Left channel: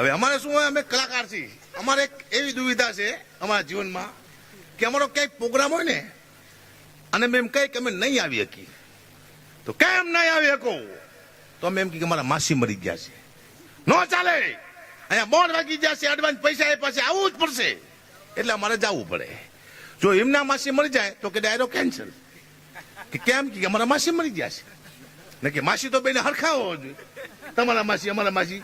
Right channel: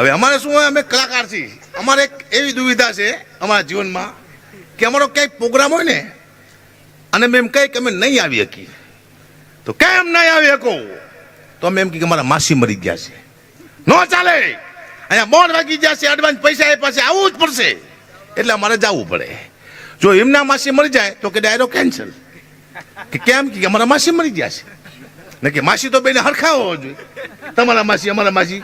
હવે અમારે શું હોય? અમે કલાકાર છીએ. અમારે એક એવી દુવિધા છે અમારા જીવનમાં કે અમારો ક્યાંય પ્રોગ્રામ હોય ને, અને મેં એમ કહે કે અમે નહીં આવી શકીએ. તો કેમ નહીં આવી શકો? તો અમે એમ કે અમારા માસી મરી ગયા છે. ન ચાલે. અહીંયા બોર્ડ વાગી છે એડવાન્સ પૈસા એ પાસે આવવું જ પડશે. એટલે અમારે જવું પડે. જો એમના માસી મરી જાય, તો કે ડાયરો કેન્સલ કે કેમ? કે અમારા માસી મરી ગયા છે. ને કે માસી તો બેને હરખા હોવો જોઈએ. તમારા માસી, અમારા માસી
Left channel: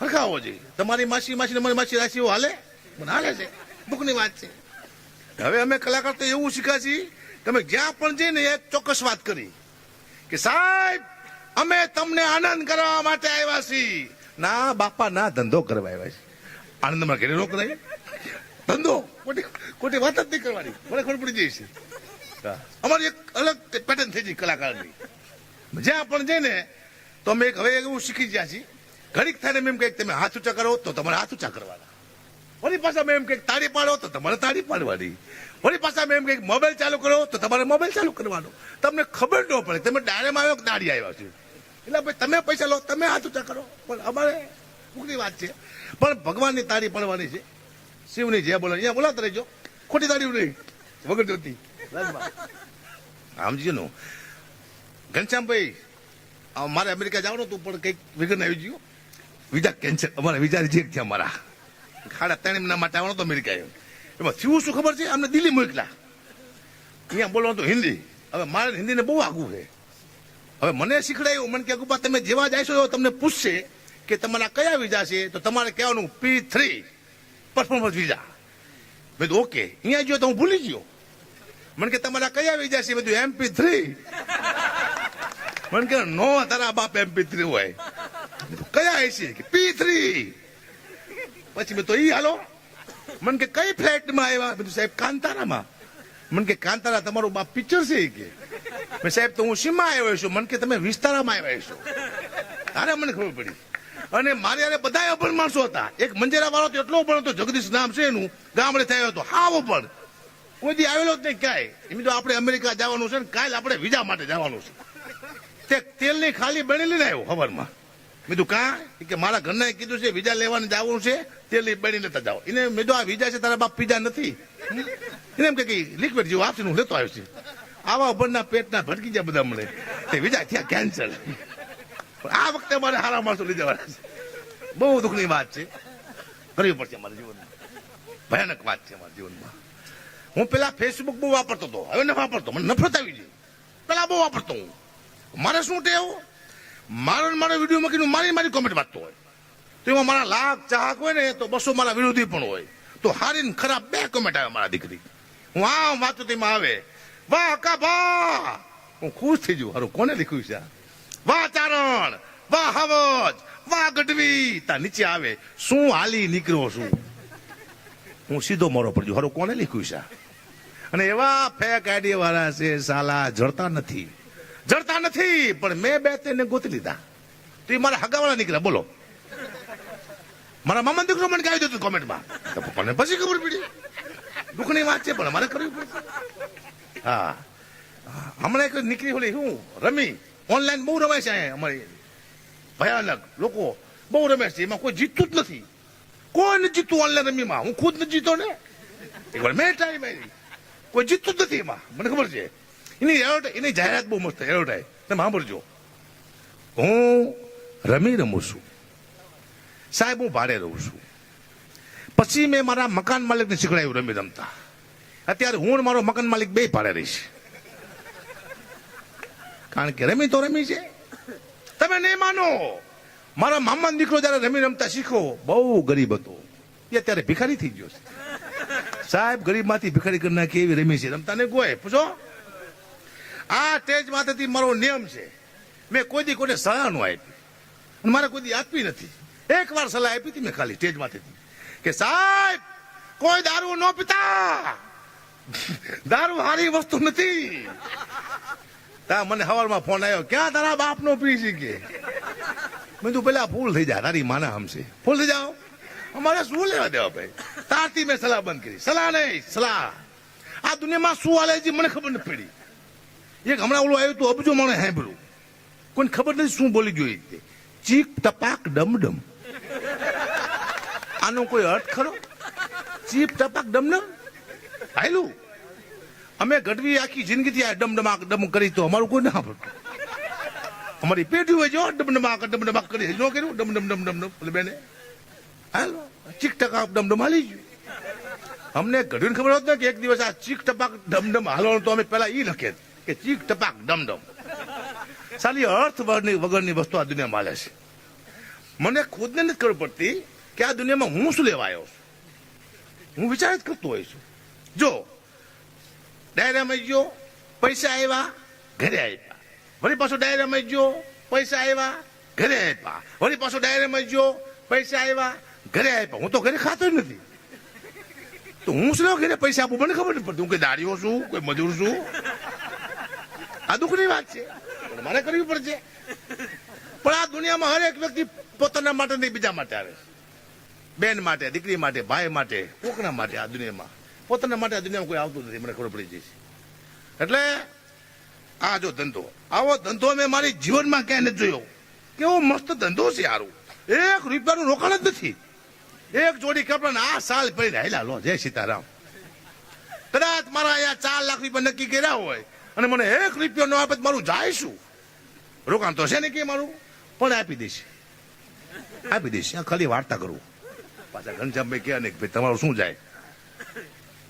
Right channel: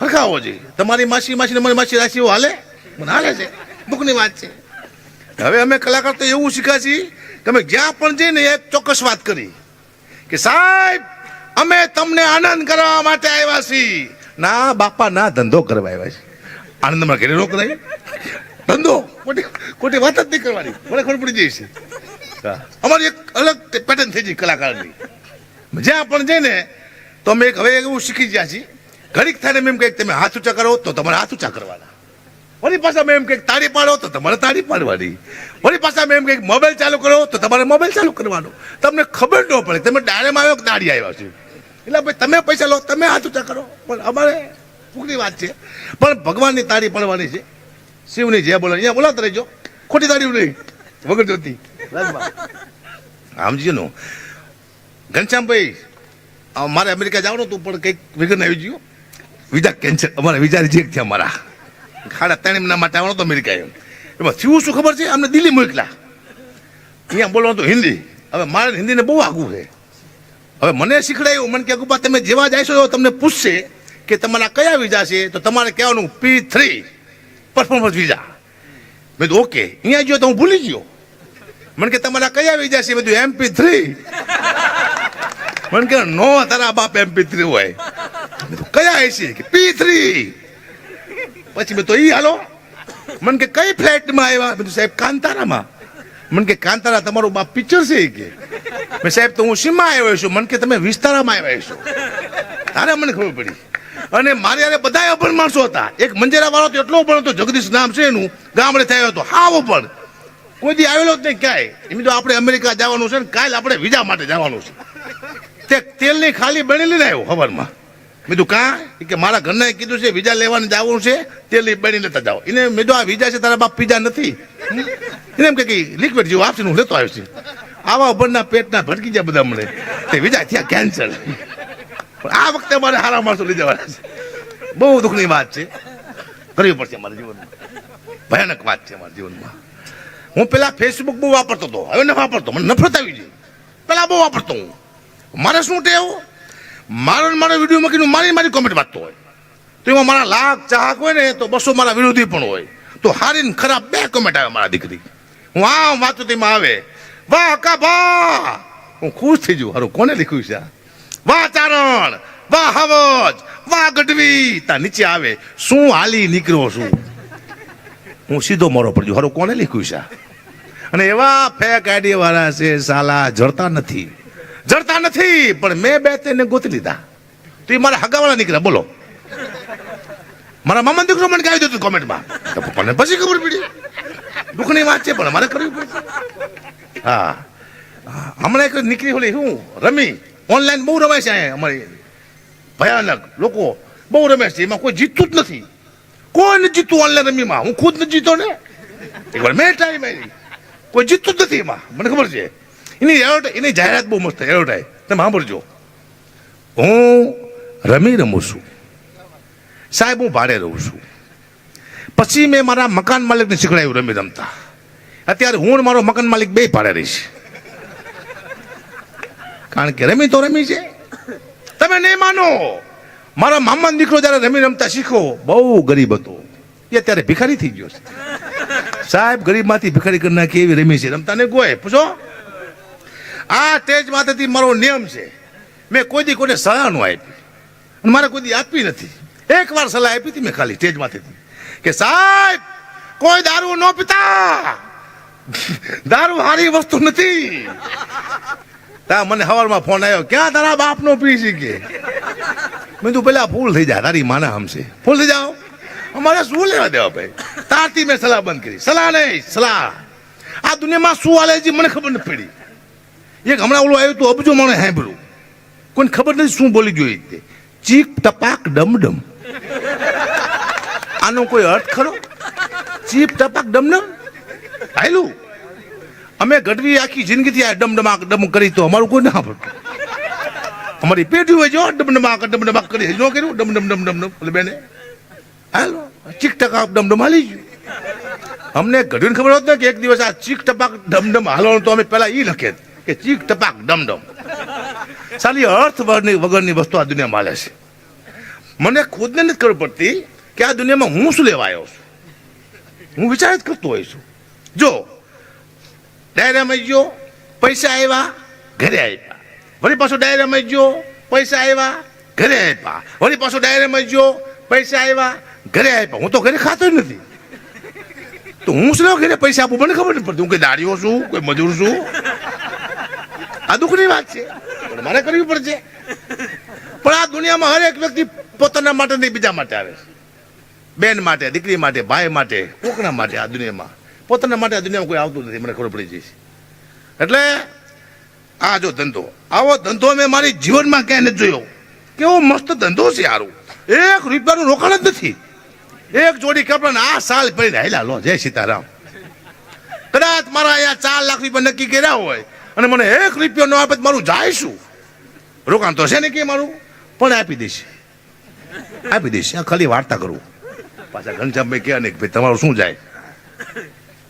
હરખા હોવો જોઈએ. તમારી માસી માસી અમારી મારી માસી રાશિઓ હાલે? મને હાલે છે. દુઃખની વાત છે. હવે અમે કલાકાર તો એવું શીખ્યા છીએ તમે જ્યાં પણ જઈને એ ચોક્કસ વાત કરી કે સાહેબ, અમે તમને આનંદ કરવા માટે આવ્યા છીએ. ના, બાપા, ના, ધંધો કરવા આવ્યા છે. આનંદમાં ઘરે રોક નહીં ધંધો, ખોટી ખોટી વાત જ નહીં કરવાની. મને ખબર પડી છે. અમારી એક અલગ પેટર્ન થઈ ગઈ કલાકારની. જ્યાં પણ જઈને તો અમે એક હવે એવું શીખી ગયા છીએ ઘડીક થાય એમ કંઈક તમે હાથ ઊંચા કરો, તો તમારે હાથ ઊંચા કરવાના. વળી પાછા મેં એમ કંઈક તાળી પાડો, તો તમારે તાળી પાડવાની. વળી પાછા મેં એમ કંઈક મોબાઈલ ચાલુ કરો, તો તમારે મોબાઈલ ચાલુ કરવાનો. તમને ખબર ન પડે, તમે ડાળેમાં આવ્યો કે દાડી આવ્યા છે. એટલે ભાઈ, તમે પૈસા લો, તમે હાથ ઊંચા કરો. પણ અમારે ફૂકની વાત છે. પણ ભગવાનની તાળી પાડવાની છે. શિવની જે બોલે અહીંયા બોલાતા રહેજો. ખોટી તાળી નહીં. વગર જોતી. સમજી નો ઘનશ્યામભાઈ મારે અમેરિકા જવાનું હતું, પણ કંઈક વિઘ્ન આવી ગયું. Visa cancel. અમારા વિઝા રિજેક્ટ થયા અમારા. ખાડા ત્રણ મહિના માટે આવવાનો તો અમેરિકા એમ. એમાં થયું શું ખબર છે? અમને દિલ્હી મોકલા અહીંયા બોલવાનું તો હિન્દી. હવે મારે હિન્દીને બહુ આગું છે. હવે મને શીખડાયું. મને કે ગુપા તમે જેવા જાય છો તમને પૂછશે કે તમારા કયા વિઝા છે? તો તમારે કહેવાનું પી થ્રી પરફોર્મન્સ વિઝા. મેં કીધું, ઓકે. અહીંયા ગયો તો હું ભૂલી ગયો. મને કે તમારા કયા વિઝા છે? બધું એમપી થ્રી મને કે નો, તારા બાપ એમપી થ્રી હોય. કયા એસી કે પી થ્રી પછી મેં તો ઈ હાલો. મને કે, કઈ ફ્લેટમાં આવ્યા? બધું સાહેબ, કાંતારામાં. મને કે, કાંતારા તમારું બાપ પિક્ચર છે કે. મેં સાહેબ, તો હું સીમા આવ્યો છું. મને કે, તમે વિસ્તારામાં આવ્યા છો. તારે મને ખબર પડી. અને મારે યારે બધા અભણ માણસો હતા. એક મંજેરા વાળો તો એટલો પણ હતો, જગદીશ નામ છે એનું, ગામડે થયો હતો, હાવ પણ કોઈ દી આવેલો જ નહીં ક્યાંય. એમ તો આપણે અમેરિકા જવાનું છે ને, કાલ આપણે વિઝા માટે જવાનું છે. તે તેલની ખાલી બનેલી ને આવ્યો ખબરમાં મેં કીધું, કાં? કે, મારા ઘરના કીધું છે વિઝા લેવાની જવું છે તેલની બની લેતા જાઓ એને મેં આ વિઝા છે, તારા બાપ પીઝા નથી. એને એમ કે લિક્વિડ જેવું આપશે હું લેતો આવ્યો છું. આવા ઉપરના પેટના ભટકી જાય બધા મળે તે વિઝા થયા કેન્સલ આ વખતે મારે હારા માણસો લઈ જવાના છે. બહુ દુઃખની વાત છે. કરવી પડશે મારા જીવનમાં. ભયાનક વાત છે મારા જીવનમાં. હું પેલા ફેસબુક બહુ વાપરતો હતો. હવે ન વાપરતો. મને નફરત આવી ગઈ. પેલા બહુ વાપરતો હું. મારે શું ટેવ? મારો મારા વિડીયોમાં કીધું, મારી મારી કોમેન્ટ વાંચતો હોય. તો એમાં મારા લાખ ચાહક હોય ને, તો બસો મારા વિરોધી પણ હોય. તો હારી ને ખરાબ બે કોમેન્ટ આવે મારા દીકરી. હું આમ વાંચું તેમાં આવે, વાહ કા ભા હું ખુશ થઈ જઉં. હારું, કોને લખ્યું છે વાહ ચારણ, વાહ હવજ, વાહ ગઢવી. તા નીચે આવે, શું હાલી નીકળ્યો છું? હું સીધો મોરો પડજો હારું, કોને લખ્યું છે અને એવા ફેક આઈડી વાળા છે, સાલા, જડતા નથી. જડતા નથી, પણ મેં બે તેને ગોતી લીધા. તો એ મારા હગાવાળા નીકળ્યા, બોલો. મારા મામા દીકરો મને કહી દીધું કોમેન્ટમાં. પપ્પાને પછી ખબર પડી. દુઃખની વાત છે, પણ મારે કરવી પડશે. હા. હમણાં એક નીકળી ઓલી શું રમી. ઓનલાઈન બહુ રમાય છે અહીંયા અમારી. ભયાનક લોકો. બહુ રમે છે, એમાં કોઈ જીતતું જ નથી. કોઈ નથી જીતતું ઓનલાઈન રમીમાં. હું ખુદ નથી જીતો ને. એકવાર મેં ટ્રાય મારી. કોઈ જીતતું જ નથી એમાં. મને ખબર છે. એની એડવર્ટાઈ એની જાહેરાત બહુ મસ્ત એડવર્ટાઈ તમે સાંભળજો. હું રમી રમું છું. સાહેબ, હું ભાડે રહું છું. પછી મેં મારા મકાન માલિકને શીખડાયું રમી રમતા. અત્યારે હું મારો મકાન માલિક બે ભાડે રહીશ કારણ કે રમી તો રમી છે. તમે નહીં માનો. મારા મામાનો દીકરો જ્યારે રમી રમતા શીખો, બહુ ગરીબ હતો. એ અત્યારે ભિખારી થઈ ગયો છે. સાહેબ, ગરીબમાંથી ભિખારી કરી નાખી એવી રમી છે. રમતા ને ગોય. પૂછો. આ તેજ માથેથી મારો નિયમ છે. મેં કોઈ દી કોઈને સલાહ ન આપી. મારે કોઈ દી આપી નથી. એક વાર સલાહ આપી હતી મેં ખાલી તેજ માથેથી કે સાહેબ, કોઈ દારૂ ન પીતા. દારૂ સારી વસ્તુ નથી. તા મને હવારમાં ફોન આવ્યો, ક્યાં તારા બાપનો પી છે કે? મેં તું પેલા ફૂલ થઈ જા, તારી માના હમશે. ફૂલ થઈ જાઓ? અમારે શું લેવા દેવા ભાઈ? તારથી મેં સલાહ બંધ કરી. સલાહ નહીં, સલાહ. આ દુનિયામાં શું હાલે છે મને ખબર નથી પડી. એક હમણાં ઓલું આવ્યું તું અબજો માણે સાંભળ્યું. કોઈને ખબર નથી શું બોલી જોઈએ તે ચીક, ટપાક ડમ ડમ આનો કોઈ અર્થ ખરો? ચીપ, ટપાક, ડમડમ? ભાઈલું, અમે ગઢવી આખી જિંદગીથી આ ડમડમાક, ડમ કરી તો અમારું કોઈ ના પડતું અમારી પેઢી હોય જો ડમડમાક ડમડમાક કરી. ન કર્યું ડમ ડમ ડમ ડમ ડમ એટલે બેને, હાલો, ચીક ટકા ડમડમ હાલી ગયું. અમને ગઢવીને ખબર હોત ને કે એક દિવસ આ ચીક, ટપાક, ડમડમ હાલવાનું તો અમે પહેલા એ લખે કે ચીક ટપાક ડમડમ. સાલી, અર્થ વગરની વસ્તુ આ દુનિયામાં માલે છે. મને ખુદને નથી ખબર પડતી કે આ દુનિયામાં હું શું લેવા આવ્યો છું. હું વિચાર જ કરતો હોઈશ છું. જો, ડાયરામાં ગયો, પૈસા આવ્યા ઘરે આપ્યા વળી પાછો ડાયરામાં ગયો, પૈસા આવ્યા ઘરે આપ્યા વળી પાછો ડાયરામાં ગયો, પૈસા આવ્યા ઘરે આપ્યા હું તો ઘરે ખાતો જ નથી. તો હું શું ઘરે પૈસા આપું? મને ખબર નથી પડતી. હું કોઈ દાડીઓ છું, કોઈ મજૂર છું. આ દુઃખની વાત છે. પણ મારે કરવી પડશે. પણ આ દુનિયામાં હરેક વ્યક્તિ પોતાના માટે નહીં, બીજા માટે આવે બેન માટે, દીકરી માટે, ભાઈ માટે, કોકના માટે આ દુનિયામાં. પોતાના માટે આ દુનિયામાં કોઈ આવતું નથી, મને ખબર પડી જશે. એટલે આ જો ધંધો, આવો ધંધો મેં મારી જીવનમાં ક્યાંય નથી જોયો. કેવો મસ્ત ધંધો છે સારું એક રૂપિયાનું રોકાણ જ નથી. એક જોડી કપડાં આ સાલ પહેરીને હેલા લો, જય સીતારામ. કદાચ મારા અહીંયા ચાર લાખ રૂપિયા નક્કી કર્યા હોય અને મને એક રૂપિયો ન આપે મારું જાય શું રોકાણ તો છે ને કે મારું? પણ આપી દઈશ આપી દઈશ આ ખાલી વાર્તા કરું. પાછા ઘનશ્યામભાઈ કહે ને ભાઈ, તમારું શું જાય?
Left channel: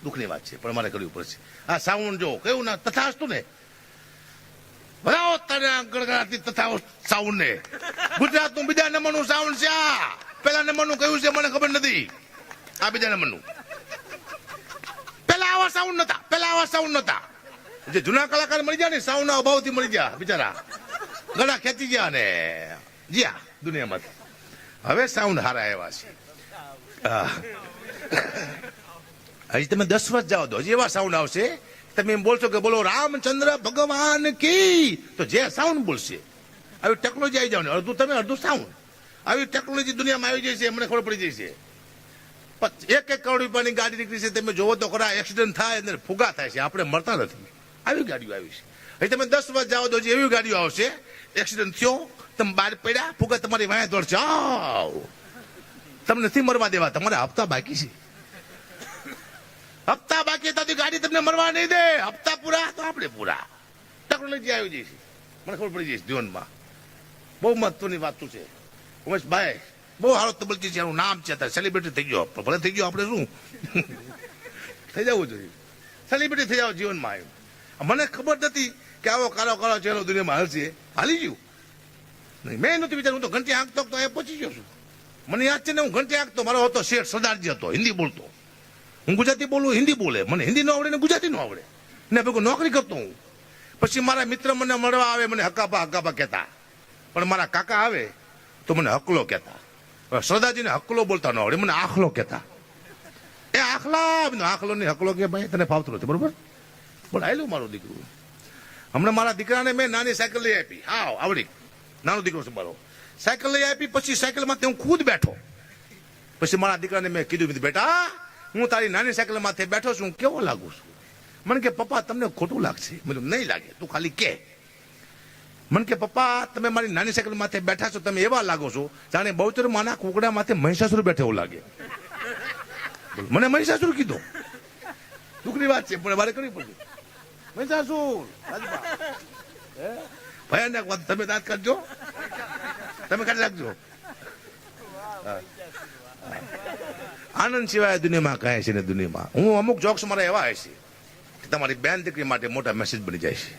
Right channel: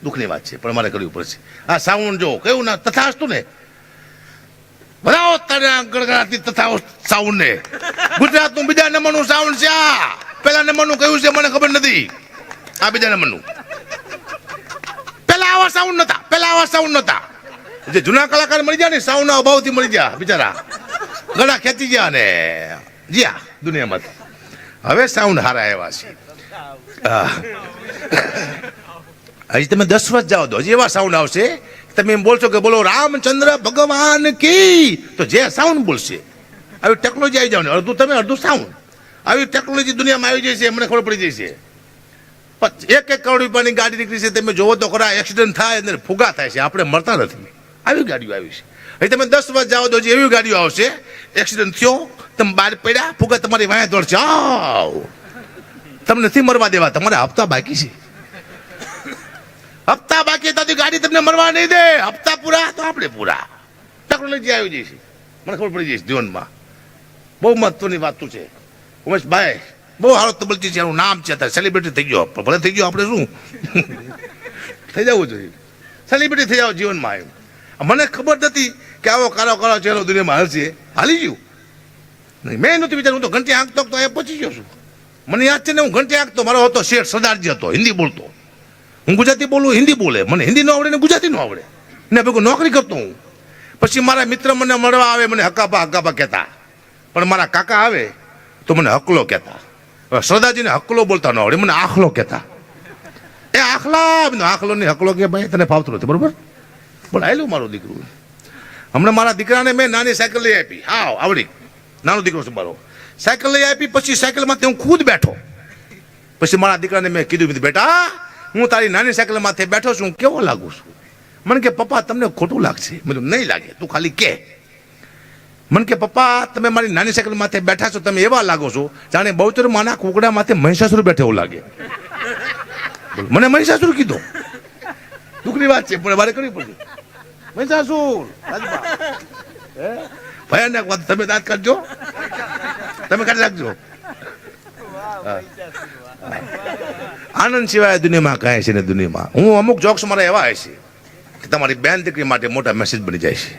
દુઃખની વાત છે, પણ મારે કરવી પડશે. આ સાઉન્ડ જો, કેવું ના, તથાસ્તુ ને? બનાવો તને ગણગણાતી તથા સાઉન્ડ ને ગુજરાતનું બીજા નંબરનું સાઉન્ડ છે આ. પેલા નંબરનું કયું છે મને ખબર નથી. આ બીજા નંબરનું. પેલા આવા સાઉન્ડ નતા, પેલા આવા સાઉન્ડ નતા. જે જૂના કલાકાર મળી ગયા ને સાઉન્ડના અભાવથી મળી ગયા, બિચારા. ગળા ખેંચી ગયા ને. જ્યાં દુનિયામાંથી હવે સાઉન્ડ હારા એવા છે. હજી તમે દસ વર્ષ જાઓ તો હજી એવા સાઉન્ડ આવશે. તમે એમ બોલશો કે બોલો, રામચંદ્ર ભગવાન કી. તો જે સાઉન્ડ બોલશે. આવી ટેકનોલોજી આવી જાવ અડધું તમે, અડધું સાઉન્ડ. આવી ટેકનોલોજી દુનિયામાં આવી જાય છે મને ખબર પડી પચ- એક એક કરોડ રૂપિયાની ગાડી નીકળી છે, તમે જોવો તો ખરા, એક્સિડન્ટ થાય અને ફુગા થાય છે. આપણે મળતા નથી. આવી ગાડીઓ આવી છે. હવે તમે દસ વર્ષ જાઓ તો એવી ગાડીઓ આવશે એક્સિડન્ટ થયો, તમે બહાર પડ્યા, ફુગા તમારી વાંહે દોડ જાઓ. તમને નથી મરવા દેવા, તમારા હપ્તા બાકી છે. હપ્તા બાકી હતા ગાડી તમને મરવા નહીં દે. હપ્તા પૂરા, તો આપણે પૂરા. ટેકનોલોજી આવી જઈશ મને ખબર પડી જઈશ જીવનમાં. બહુ મહત્વની વાત છે. ઉમેશભાઈ, બહુ સારો તબલજી છે, એનું નામ છે અત્યારે. સેલિબ્રિટી થઈ ગયો. ભલે થઈ ગયો, આપણે શું? થઈ જવું જોઈએ. સેલિબ્રિટી થઈ જાવ જીવનમાં એમ. મને ખબર નથી કે આવો કારો કારો ચહેરો દુનિયામાં હાલશે હાલી ગયું. નહીં, મેં નથી વિચાર્યું, હું તો ઘંટી આંકતો તો એ પહોંચી ગયો છું. મને યાદ છે ને, હું ઘંટી આંકતો મારો હતો શેઠ સરદારજી હતો, હિન્દી બોલતો. હું ગુજરાતી બોલું, હિન્દી બોલે. મને હિન્દી ન આવડે ને ગુજરાતી ન આવડે. ને ભેગું નોકરી કરતો હું. પછી મારા મિત્ર મને મળવા આવે, મને હકાપા હકાપા કહેતા. પણ મારા કાકા આવે, તો મને હકલો કહેતા. સરદારજીને હકલો બોલતા ન આવડે, મને આખલો કહેતા. એ આખલા આખલો ને હકલો કે ભાઈ, તને ફાવતું નથી, બરોબર? પણ આવેલું મારું દીકરું. હમણાં મારા દીકરાને મેં નાની સાયકલ લઈ આપી. હા આવડી. નાનો દીકરો છે મારો સાયકલ લઈ આપી, પછી સાયકલમાંથી હું ખુદ બેઠો. પછી મારા દીકરાને મેં કીધું બેટા, હું તારી નાની સાયકલમાંથી માથે બેઠો છું કેવો લાગુ છું? મને કે, પપ્પા, તમને ખોટું લાગશે. બધું નહીં લાગે. તું ખાલી કે. મને કે, પપ્પા, તમે મારી નાની સાયકલ માથે બેઠા છો, તમે એવા લાગો છો જાણે બહુચર માના કુકડા માથે મહિષાસુર બેઠે એવું લાગે. મને મહિષાસુર કીધો. દુઃખની વાત છે, પણ મારે કરવી પડશે. મહિષાસુર. હે? ભયાનક વાત તમે દાંત કાઢજો તમે કાઢી રાખજો. આનંદ સિવાય દુનિયામાં કાંઈ છે ને દુનિયામાં હું અમુક જોક્સ મારા એવા છે કે તમારી બેન દીકરી માટે મોટા મેસેજ બની જાય છે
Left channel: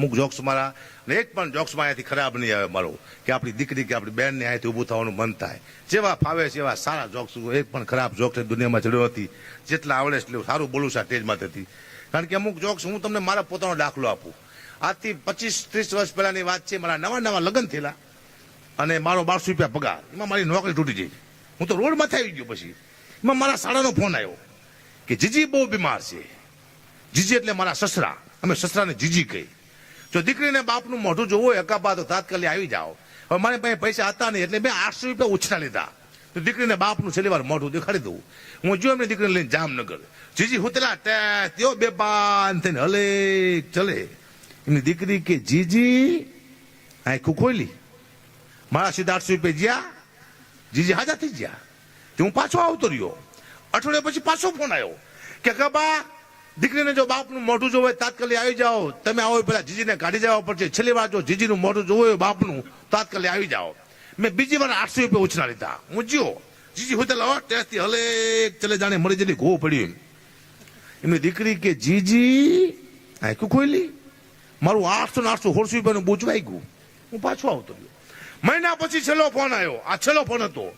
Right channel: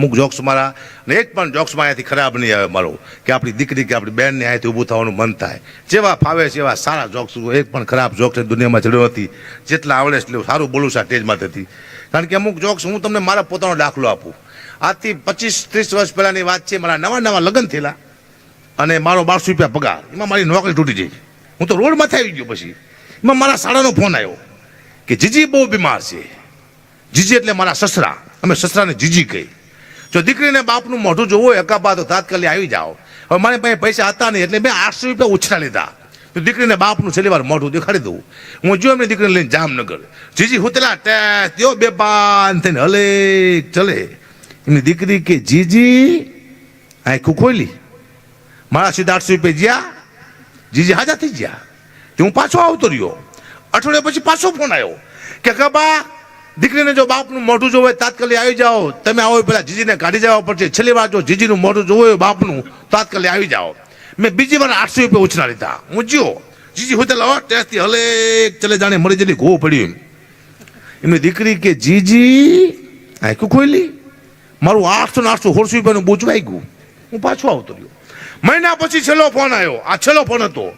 અમુક જોક્સ મારા અને એક પણ જોક્સમાં અહીંયાથી ખરાબ નહીં આવે મારો. કે આપણી દીકરી કે આપણી બહેનને અહીંયાથી ઊભું થવાનું મન થાય. જેવા ફાવે છે એવા સારા જોક્સ એક પણ ખરાબ જોક્સ દુનિયામાં ચડ્યો નથી. જેટલા આવડે એટલું સારું બોલું છું આ સ્ટેજમાંથી કારણ કે અમુક જોક્સ હું તમને મારા પોતાનો દાખલો આપું. આજથી પચીસ, ત્રીસ વર્ષ પહેલાંની વાત છે, મારા નવા નવા લગ્ન થયેલા. અને મારો બારસો રૂપિયા પગાર. એમાં મારી નોકરી તૂટી ગઈ. હું તો રોડમાંથી આવી ગયો પછી. એમાં મારા શાળાનો ફોન આવ્યો કે જીજી બહુ બીમાર છે. જીજી એટલે મારા સસરા. અમે સસરાને જીજી કહી જો દીકરીને બાપનું મોઢું જોવું હોય એકાબા તો તાત્કાલિક આવી જાઓ. હવે મારી પાસે પૈસા હતા નહીં એટલે મેં આઠસો રૂપિયા ઉછરા લીધા. તો દીકરીને બાપનું છેલ્લી વાર મોઢું દેખાડી દઉં. હું જો એમની દીકરીને લઈને જામનગર. જીજી હુતલા ત્યો બે બાન થઈને હલે, ચલે. એમની દીકરી કે, જીજી આખું ખોલી મારા સીધા આઠસો રૂપિયા જ્યાં. જીજી હાજા થઈ ગયા તે હું પાછો આવતો રહ્યો. અઠવાડિયા પછી પાછો ફોન આવ્યો. કે કબા દીકરીને જો બાપનું મોઢું જોવે તાત્કાલિક આવી જાઓ. તમે આવો પેલા જીજીને કાઢી જવા પડશે. છેલ્લી વાર જો જીજીનું મોઢું જોવું હોય બાપનું, તાત્કાલિક આવી જાઓ. મેં બીજી વાર આઠસો રૂપિયા ઉછના લીધા. હું જીઓ જીજી હોતેલા ટેસ્ટથી હલે ચલે જાણે મરી જલી ઘો પડ્યું એમ. એમની દીકરી કે, જીજી, આખું ખોલી. મારું આઠસો ને આઠસો સોળસો રૂપિયાનું બૂચવાઈ ગયું હું પાછો આવતો રહ્યો. મહિના પછી છેલ્લો ફોન આવ્યો. આ છેલ્લો ફોન હતો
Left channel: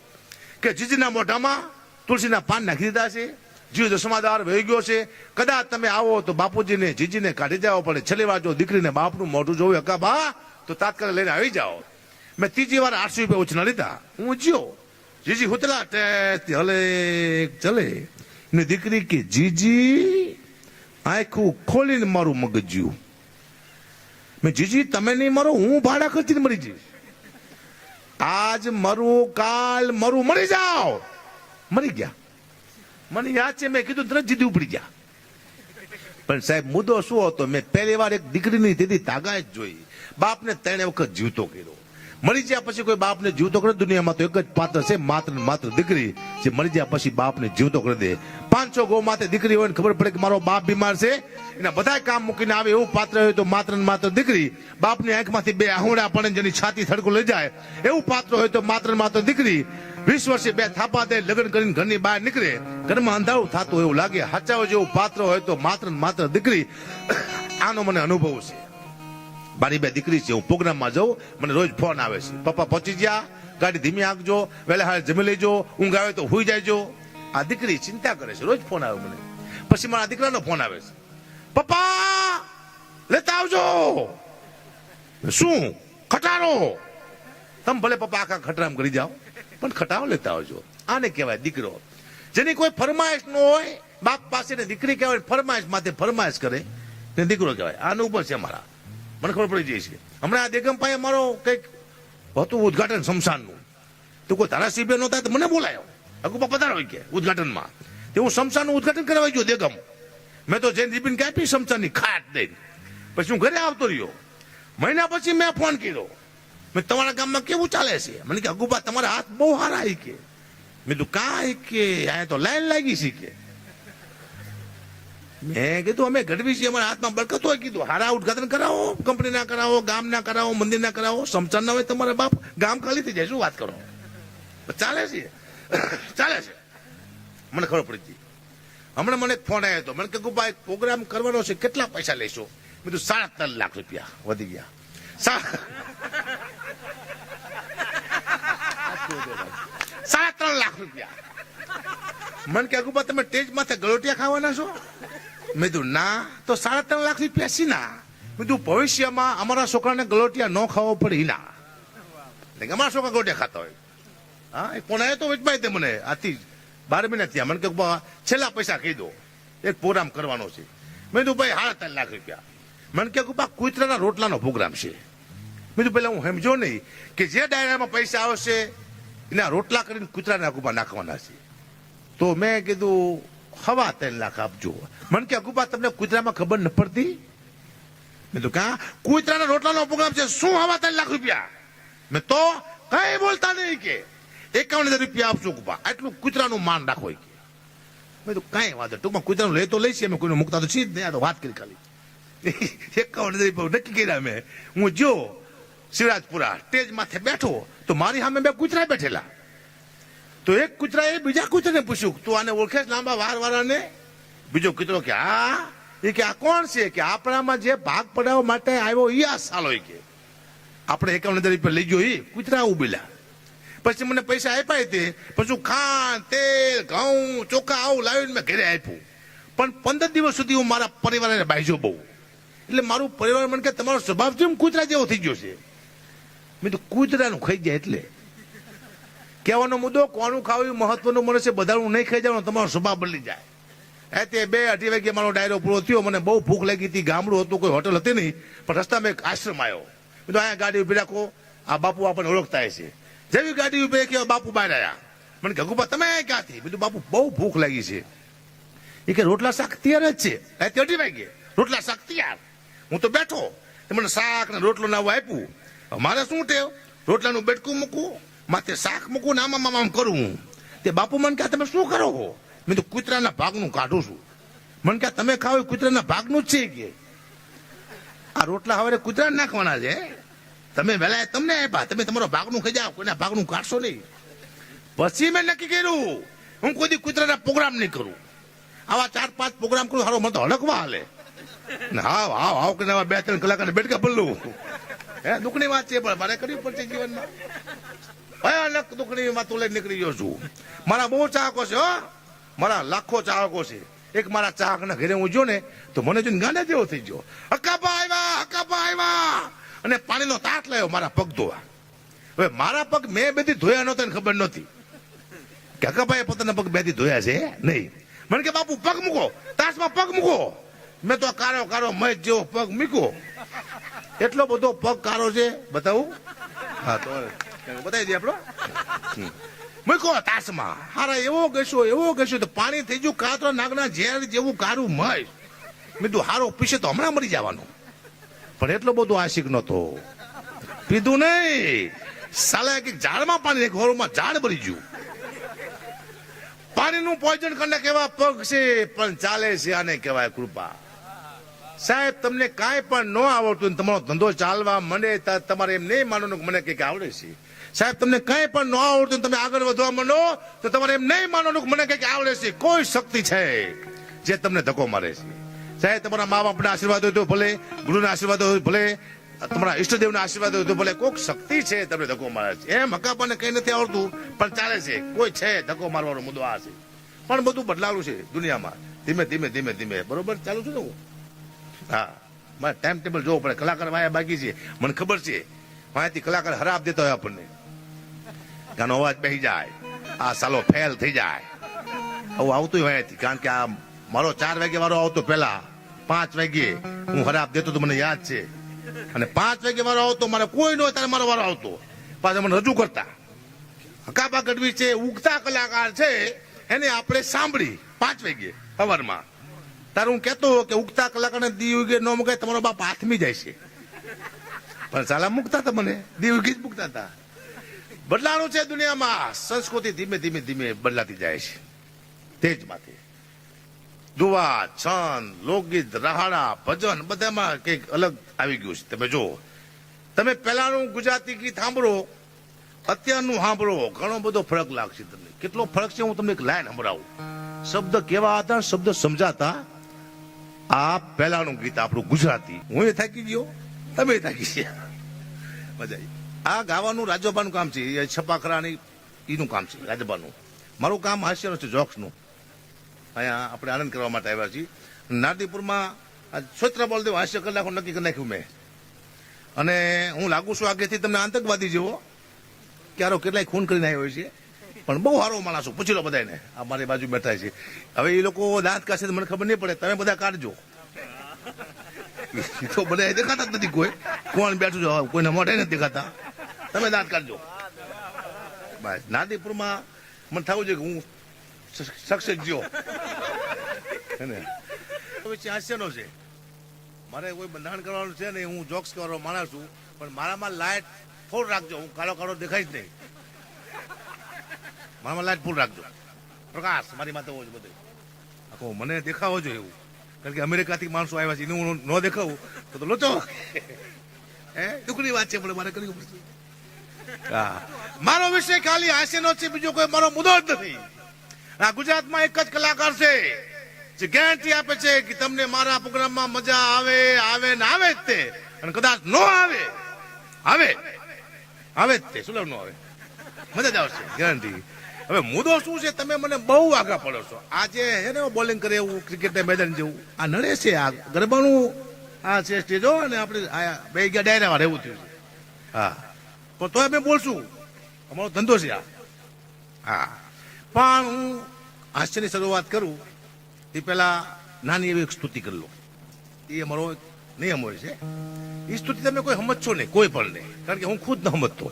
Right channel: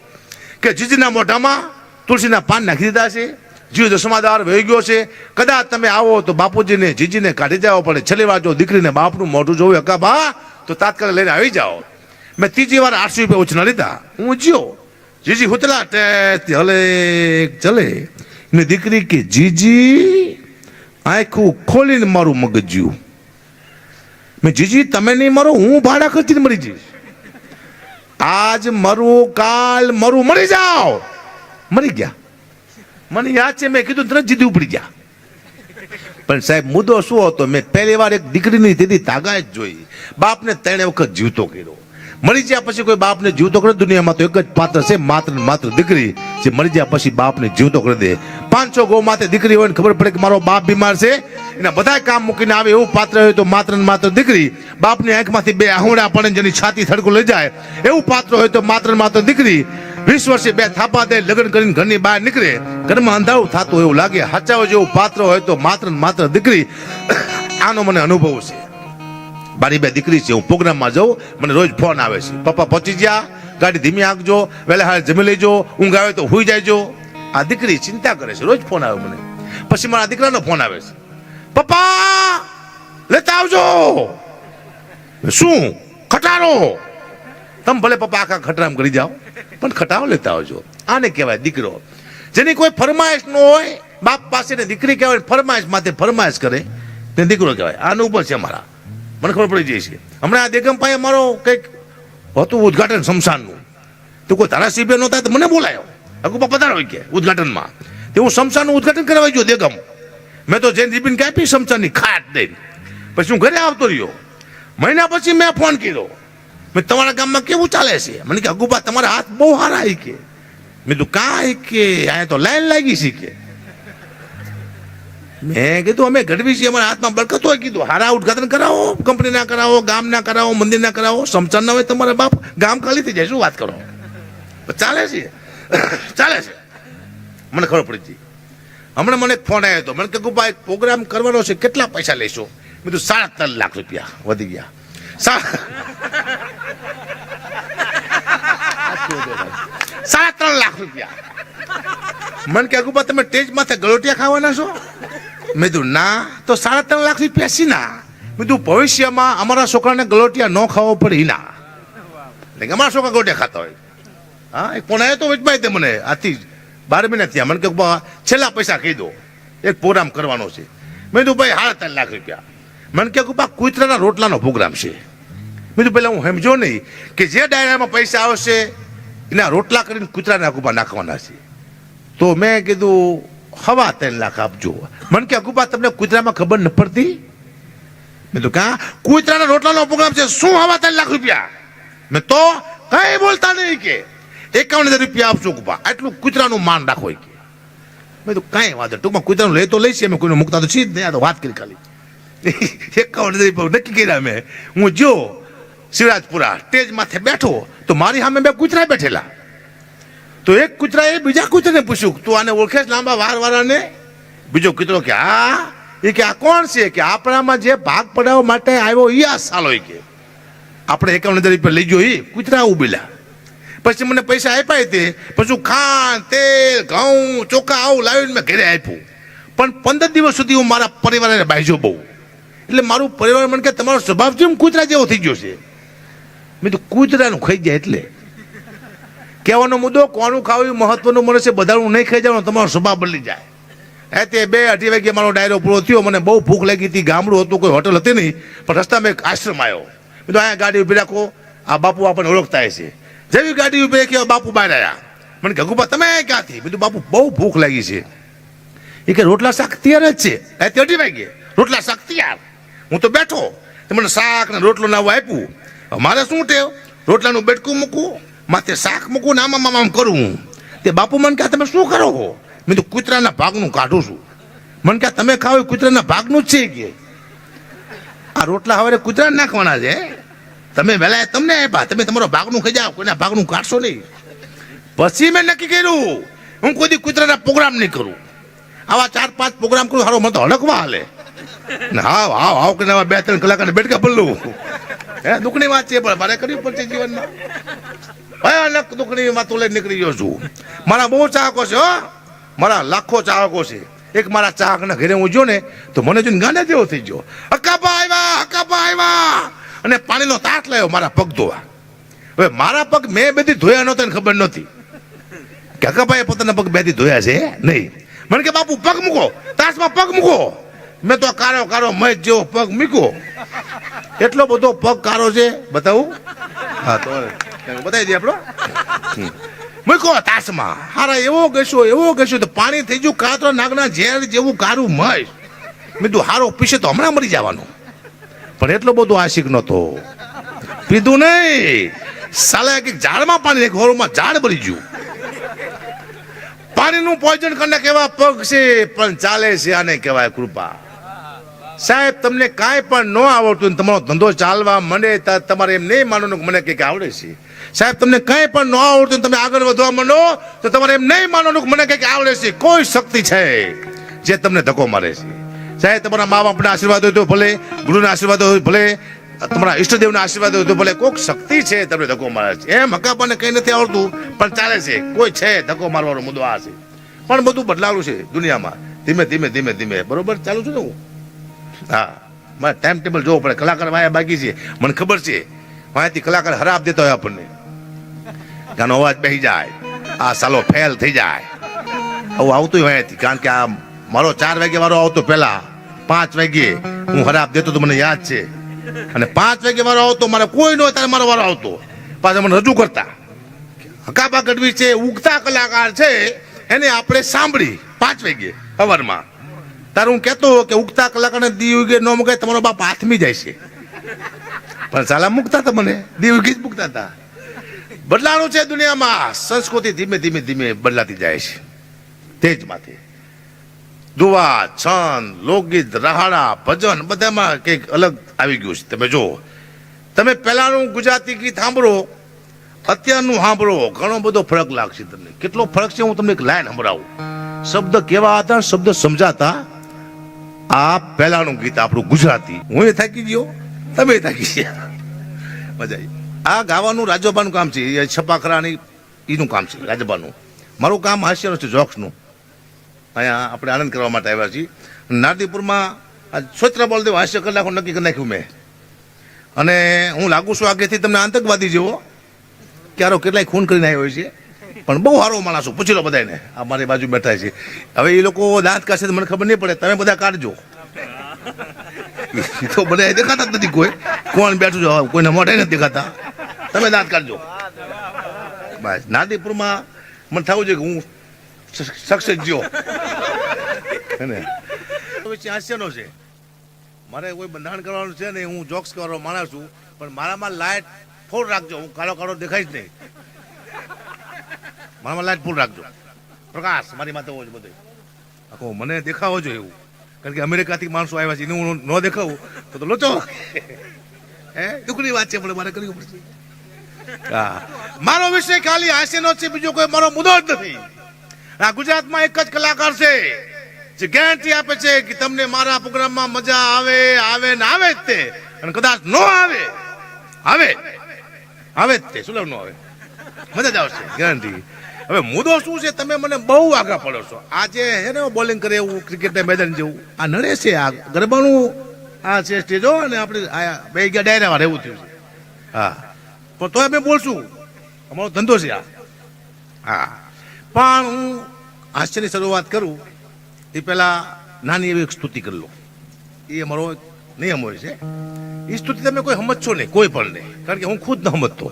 કે, જીજીના મોઢામાં તુલસીના પાન નાખી દીધા છે. જીવ દસમાદાર વહી ગયો છે. કદાચ તમે આવો તો બાપુજીને, જીજીને કાઢી જાઓ પડે છેલ્લી વાર જો દીકરીને બાપનું મોઢું જોયું હકા બા, તો તાત્કાલિક લઈને આવી જાઓ. મેં ત્રીજી વાર આઠસો રૂપિયા ઉછના લીધા. હું જ્યો જીજી હુતલા ટેસ્ટ હલે, ચલે. ને દીકરી કે, જીજી, આખું ખોલીને મારું મગજ જ્યું મેં જીજી, તમે નહીં મરો, હું ભાડા ખર્ચીને મરી જઈશ. આજ મરું, કાલ મરું, મરી જાઓ. મરી ગયા. મને યાદ છે, મેં કીધું તરત જીદી ઉપડી ગયા. પણ સાહેબ, મુદ્દો શું હતો? મેં પહેલી વાર એક દીકરીની દીદી જ જોઈ. બાપને ત્રણે વખત જીવતો કર્યો. મરી ગયા પછી કોઈ બાપને જીવતો કરે, દુનિયામાં તો એક જ પાત્ર છે, માત્ર માત્ર દીકરી. જે મરી ગયા પછી બાપને જીવતો કરી દે. પાંચસો ગૌ માથે દીકરી હોય ને ખબર પડે કે મારો બાપ બીમાર છે? એના બધા કામ મૂકીને આવે એવું પાત્ર હોય તો માત્ર ને માત્ર દીકરી. બાપની આંખમાંથી બે આહુડા પડે જેની છાતી થડકું લઈ જાય. એવું પાત્ર હોય તો માત્ર માત્ર દીકરી. વીસ વર્ષે બે થાપા દે, લગ્ન કરીને ઘરની બહાર નીકળે. ઘરમાં અંધારું થતું એવું લાગે. હચાવો જેવું પાત્ર હોય તો માત્ર માત્ર દીકરી આનો મને અનુભવ છે. મારી બે દીકરી છે, હું પ્રોગ્રામમાં જાઉં, મને રોજ ફોન આવે છે. પપ્પા પહોંચી ગયા, ગાડી ધીમી આંકજો વહેલા હાલ જમી લેજો, ઊંઘ આવે તો હુઈ જાયજો. આ દીકરી ચિંતા કરે છે, રોજ ફોન આવે મને. પછી મારા દીકરાનો ફોન આવે છે. પપ્પા, લેતા આવજો. શું? ખટારો. તમે ભલે પપ્પા આખા ખટરામ કરી જાઓ, પણ ખટાવ લેતા આવજો. આને કહેવાય દીકરો. જેની કોઈ ફરમાઈશ ન હોય, બાપ પાસે ને દીકરી કહેવાય, ફરમાઈશ માથે ફરમાઈશ કરે તે દીકરો કહેવાય. આનું ઉપર છે મારા. મને ખબર પડી જાય છે. હમણાં આ દેગમ પાસે અમારો કંઈક હતું ઉદઘાટન શમશાનનું. તો કોઈ ધારાસભ્ય નહોતા તો મને બોલાયો. અગુપા તારા હોય કે, ઉદઘાટનમાં. તે હું શમશાનનું ઉદઘાટન કરવા ગયો દેગમ. મેં તો જૈન દીપીને કાપી શમશાનની ખાટ દઈને પછી હું ઘરે આવતો રહ્યો. મહિના પછી મેં ફોન કર્યો. મેં તમારા ગામમાં કેવું ચાલે છે? મને કે અગુભા તમારા હાથ બહુ સારા ઈ કે. મેં તું કાંઈ કે, અહીંયા તો લાઈન લાગી છે કે. મેં કીધું, અમે ગઢવી છીએ, અમારા હાથમાં બરકત હોય. કીધું, હારા ઉદઘાટન કરાવો કંપનીના કરાવો ગામના કરાવો મંદિરના કરાવો સમચાન ના હોય તમારા બાપ, ગામ ખાલી થઈ જાય, શું વાત કરો? ચાલે છે. ચાલે છે. મને ખબર પડી હતી હમણાં મને ફોન આવ્યો હતો. મને કે ગુબા એક પ્રોગ્રામ કરવાનો છે, કેટલા પૈસા લેશો? મેં કીધું, સાડા ત્રણ લાખ રૂપિયા વધી ગયા. સાડા ત્રણ લાખ રૂપિયા. મને કે, અગુબા, તમે ટેજ માથે ગળોટિયા ખાવાના છો? મેં કીધું, ના. તો સાડા ત્રણ લાખ રૂપિયા સીના. મેં કીધું, ભવિષ્યમાં અમારા છોકરાને ગળોટિયા ન ખાવો પડે ઈના એટલે અમારા છોકરા ગળોટિયા ખાતા હોય. હા, એક ફોન આવ્યો તો વચમાં તે મને. આથી બાર મહિના થયા. મને કે છેલ્લા પૈસા કહી દો. એક પ્રોગ્રામ કરવાનો છે. મેં કીધું, ભાઈ, સાડા ત્રણ લાખ રૂપિયા. મને કે બા કુતરાના રોટલાનો પ્રોગ્રામ છે. કીધું, પહેલાં હું સમજો નહીં કે જે ડાયરામાં પૈસા આવશે, એના રોટલા કરીને કૂતરાના અગુબા નાખવાના છે. તો મેં કીધું, હવા ત્રણ લાખ આપજો. મને કે અગુબા તમને કૂતરામાં ખબર ન પડતી? મેં તો કા? કૂતરાના રોટલાનો પ્રોગ્રામ છે, શું હવા ત્રણ લાખ રૂપિયા? મેં તો કઈ બોલતા નહીં કે. એકાવન હજાર રૂપિયા આપશો અગુબા આટલું કૂતરાનું માન રાખો કે. મેં તો કાંઈ વાંધો ટૂંકમાં કૂતરાનું લે તો લઈશ અમે કોઈને મૂકતા તો છીએ જ નહીં, આ તો વાત કરી ખાલી. એકાવન હજાર નક્કી કર્યા મેં. હું જો શિવરાજપુરા સ્ટેજ માથે બેઠો, તો મારી સામે બે કૂતરા બેઠેલા. તો એક કૂતરાએ બીજા કૂતરાને પૂછ્યું, તું આને ઓળખે લાંબા વાર વાળાને બીજો કૂતરો કે આ એ કે, આ કોણ છે? કે, આપણામાં જે ભાગ પડાવવા માટે આવ્યો એ આ સાલો કે. આપણે એકાવન હજાર રૂપિયા લઈ ગયો એ કૂતરા ઉભેલા. પછી મને પૈસા આપ્યા તે, પછી ખાંડ, તેલ, ઘઉં, ચોખા આવું લાવીને મેં ઘરે આપ્યું. પણ પંદર દિવસ સુધી હું મારા પરિવારને બાજ્યો બહુ. એટલે મારું પરિવાર મને કે તમારો સ્વભાવ જેમ કૂતરા જેવો થઈ ગયો છે? મેં તો કૂતરાનું ખાઈ જાય એટલે. કહેવાનો મુદ્દો, કોનું ખાવું મહત્વનું મને છે, બધાનું નહીં ખાઈ જવાનું, તમારો સ્વભાવ બદલી જાય. એ તે બે અઢી વાગે મારો ડાયરો પૂરો થયો, મને બહુ ભૂખ લાગી હતી, ગામડું હતું, કોઈ હોટલ હતી નહીં, પણ રસ્તામાં એક આશ્રમ આવ્યો. મેં તો અહીંયા ગાડી ઊભી રાખો, આ બાપુ આપણને ઓળખતા છે જેવી ગાડી ઊભી રાખી બાપુ બહાર આવ્યા. મને ગગુબા તમે ક્યાંથી કીધું, બાપુ, બહુ ભૂખ લાગી છે. એ કે, રોટલા શાક તૈયાર જ છે. એ અઢી વાગે, રોટલા શાક તૈયાર. હું તો બેઠો. મને શાક ને રોટલો નાવું આપ્યું. મારે શું ટેવ રોટલાનું બેટકું મૂકવું માથે શાક મૂકવું ને આમાં આમ કરું તે બાપુ મને કહે, તમે શું કરો છો? મેં તો કૂતરાના ભાગનું કાઢું છું. મને કહે, તમે એ કૂતરાના ભાગનું જ છે કે. આ રોટલા હવે કૂતરા નાખવાના છે તમે વહેલા તમને આપ્યા, તમે તમારો ભાગનું ખાઈ જાઓ, કોઈના ભાગનું કાઢશો નહીં. પછી મેં નક્કી કર્યું, હું કોઈ કૂતરાના પ્રોગ્રામ નહીં કરું. આવા ચાર પાંચ પ્રોગ્રામ કરું સારો મને તો હડકવા હાલે. હાવ હાવ હાવ કરીને બે ત્રણ કલાકને બેઠકા પલ્લું હે, દુઃખની વાત છે, પણ મારે કરવી પડશે જીવનમાં. ભયાનક દુઃખની વાતો લઈને નીકળી ગયો છું. મારા બહુ ચાહકો છે, હો. મારા લાખો ચાહકો છે. એક મારા ચાહકના ઘરે હું જો ને, તો મને જોઈને ગાંડા જેવો થઈ ગયો. હકાપા આવ્યા હકાપા આવ્યા અને પાણીનો તાટ લાવ્યો મારા પગ ધોવા. હવે મારા પગ મેં બધી ધોયા નહોતા ખબર નહોતી. કે હકાપાએ પોતાના પગ બેથી ધોયા છે? નહીં. મને કે, બાપુ, પગ મૂકો. તાસમાં પગ મૂકો. મેં તો કારો કારો મય જેવો પગ મૂક્યો. એટલો બધો પગ કારો છે, બતાવું? હા, તો બતાવી દે આપણો. મૂકો તાસમાં. હારા એવો ગસ્યો એવો ગસ્યો તો પાણી થઈ ગયું, કાતરો નાગના ઝેર જેવું કારું મય. મેં કીધું, હારો પીશે તો હમણાં મરી જવાનું. પણ એટલો બધો આશિક નહોતો. પીધું નહીં. સાલા એક ઝાડમાં પાણી, એક હોરમાં ઝાડ ભરી ગયું. પાણીનું પોઈઝન કરીને કેવા પગ છે, પણ ચાલે છે આને કહેવાય કૃપા. સાહેબ, તમને કાંઈ પણ ન આવડતું ને તમારો ધંધો ચાલવા માંડે તમારે એમ નહીં માનવાનું મને કંઈક આવડે છે. સાહેબ, તમને કાંઈ પણ ન આવડતું તમે આગળ વધવા માંડો, તો તમારે એમ નહીં માનવાનું મને કંઈક આવડે છે. કોઈ શક્તિ છે જે તમને ધક્કો મારે છે. સાહેબ, તમારા મા બાપના આશીર્વાદ હોય તો ભલે, ગુરુના આશીર્વાદ હોય ભલે, તમારા ઈષ્ટદેવના આશીર્વાદ હોય તો ભલે, કોઈક શક્તિ છે તમને ધક્કો મારે છે. એમ હકાપાને કંઈ નથી આવડતું, પણ ચાલે છે. કોઈ છે ધક્કો મારવાનો મુદ્દો આ છે. પણ બધું બદલાવું છે દુનિયામાં. ધીમે ધીમે ધીમે ધીમે. બરોબર? ચાલુ છું ને હું? હા. મારે ટાઈમ ટેબલ જોવું પડે. કલાકાર વાયા બાકી છે. મને ખબર છે. વાયાથી કલાકાર હરાબ દેતો હોય આપણને. ગાનો અવાજ બેસી જાય. આ સાલો ફેલ થઈ જાય. આવું આવતું હોય વાયાથી. કારણ કે આ મારો ચાર વાગે વાળો આવતો પહેલા. પાંચ વાગે હું હરાબ દેતો તો મને યાદ છે. અને પાંચ વાગે વાળો આવતો, મારે કોઈ ન ત્યારે મારો વારો આવતો. પાછા મને રજૂ કરતા. હકાબા ગઢવી છે, ઉગતા કલાકાર છે. એને આપણે સાંભળી પાંચ વાગે સવારમાં. તારે હું કહેતો કે ઉગતા કલાકારને દી ઉગે ન મુકાય, તમારો બાપ હાથમી જાય છે. પણ સાલા મૂકતા હતા મને, દી ઉગી જ મૂકતા હતા બદલાણું છે દુનિયામાં, સંસ્કૃતિ ધીમે ધીમે ધીમે બદલાતી જાય છે. તેજમાંથી દુવા છંદ લોકગીત, રહાડા, ભજન, બધામાં કંઈક અલગ આવી ગયું છે. તમે જુઓ, તમે પહેલાનું ગુજરાતી ગીત સાંભળો, અત્યારનું સાંભળો, ઘણો બધો ફરક લાગશે તમને. કેટલો ફરક છે, હું તમને એક લાઈન સંભળાવું. શબ્દ કેવા હતા શબ્દ સમજાતા આ પહેલાનું ગીત આપણું ગુજરાતી. હું એ થાકી ગયો, તમે થાકી ગયા. મજા આ ગાવાનું રાજ્યપાનું કામ છે, એ છપાખરાની, એનું કામ છે રાજબાનું મારું કામ હાસ્યનું છે, જોક્સનું. અહીંયા આપણે આનંદ કરવા માટે આવ્યા છીએ. નારદીપુરમાં સ્વત્ર બળદેવ હાસ્ય કલાકો નક્કી કરી નાખ્યું મેં. અને હું લાગુ છું આગેથી તમને આતંકવાદી જેવો ક્યારો કેટલાય ખૂન કરીને આવ્યો છે. પણ બહુ સારો માણસ છું પૂછી લો બધાને આ મારી બાજુ બેઠા છે. હવે એ લોકો દાંત કાઢશે મને ખબર નહીં પડે. તમે બધા કાઢજો. તો બધા દેખાતા જ નથી કોઈ. કોણ બેઠું છે? કોઈને મોઢે નથી દેખાતા. તમે દાંત કાઢજો. બસ. નાદીપુરમાં મને થવું છે કે હું સક્સેસ જ્યો હે પછી હાસ્યનો છે. મારે કોઈ બંધારણ કરવાનું છે ને હું જોક્સ કરવાનો માણસ છું. પણ મારામાં લાઈટ ફોડ રાખજો. હું કાળો કાળો જ નહીં. મારામાં લાઈટ ફૂલ રાખજો. પ્રકાશ, મારી માથે હોવો બધે. આખો મને દેખાવો જોઈએ એવું. કારણ કે અમેરિકાથી માણસો આવ્યા છે, એને હું ન દેખાવું, તો તો લોચો. હે? દુઃખની વાત છે, પણ મારે કરવી પડશે. મારો વિષય ખાલી હાસ્યનો છે, બીજો કોઈ મારો મુદ્દો જ નથી. આ ગુજરાતમાં એક જ કલાકાર છે, જે ગેરંટી આપે છે કે તમને મારા પ્રોગ્રામમાં મજા આવે આવે ને આવે જ તે. અને કદાચ ન આવે આવે. આવે જ તે, શું ન આવે? મજા જ આવશે ગેરંટી હવે મુદ્દો શું છે? તમે મને બહુ આગળ પડો છો. આજે હે ને બોલિંગ કરે એવું ક્રિકેટના મેદાન જેવું. આ નડે છે, આ ગરબાનું આ છે સ્ટેજો અને આપણે આ બે ગયા ડાયરામાં રહેવું થયું છે. હા. પણ તોય અમે બોલશું. અમારો ધંધો છે આ. હા. પણ હું હાસ્યની શરૂઆત કરું. એ પહેલા નાની એવી સ્તુતિ કરી લો. એ અમારો નિયમ હોય છે. એ સ્તુતિ તમે કોઈ સમજશો નહીં, કોઈ પણ નહીં. કારણ કે હું ખુદ ન સમજતો.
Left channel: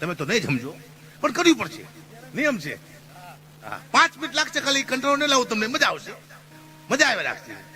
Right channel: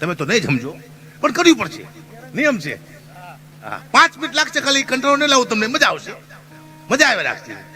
તમે તો નહીં સમજો. પણ કરવી પડશે. નિયમ છે. પાંચ મિનિટ લાગશે ખાલી, કંટ્રોલ નહીં લાવું તમને, મજા આવશે. મજા આવે લાગશે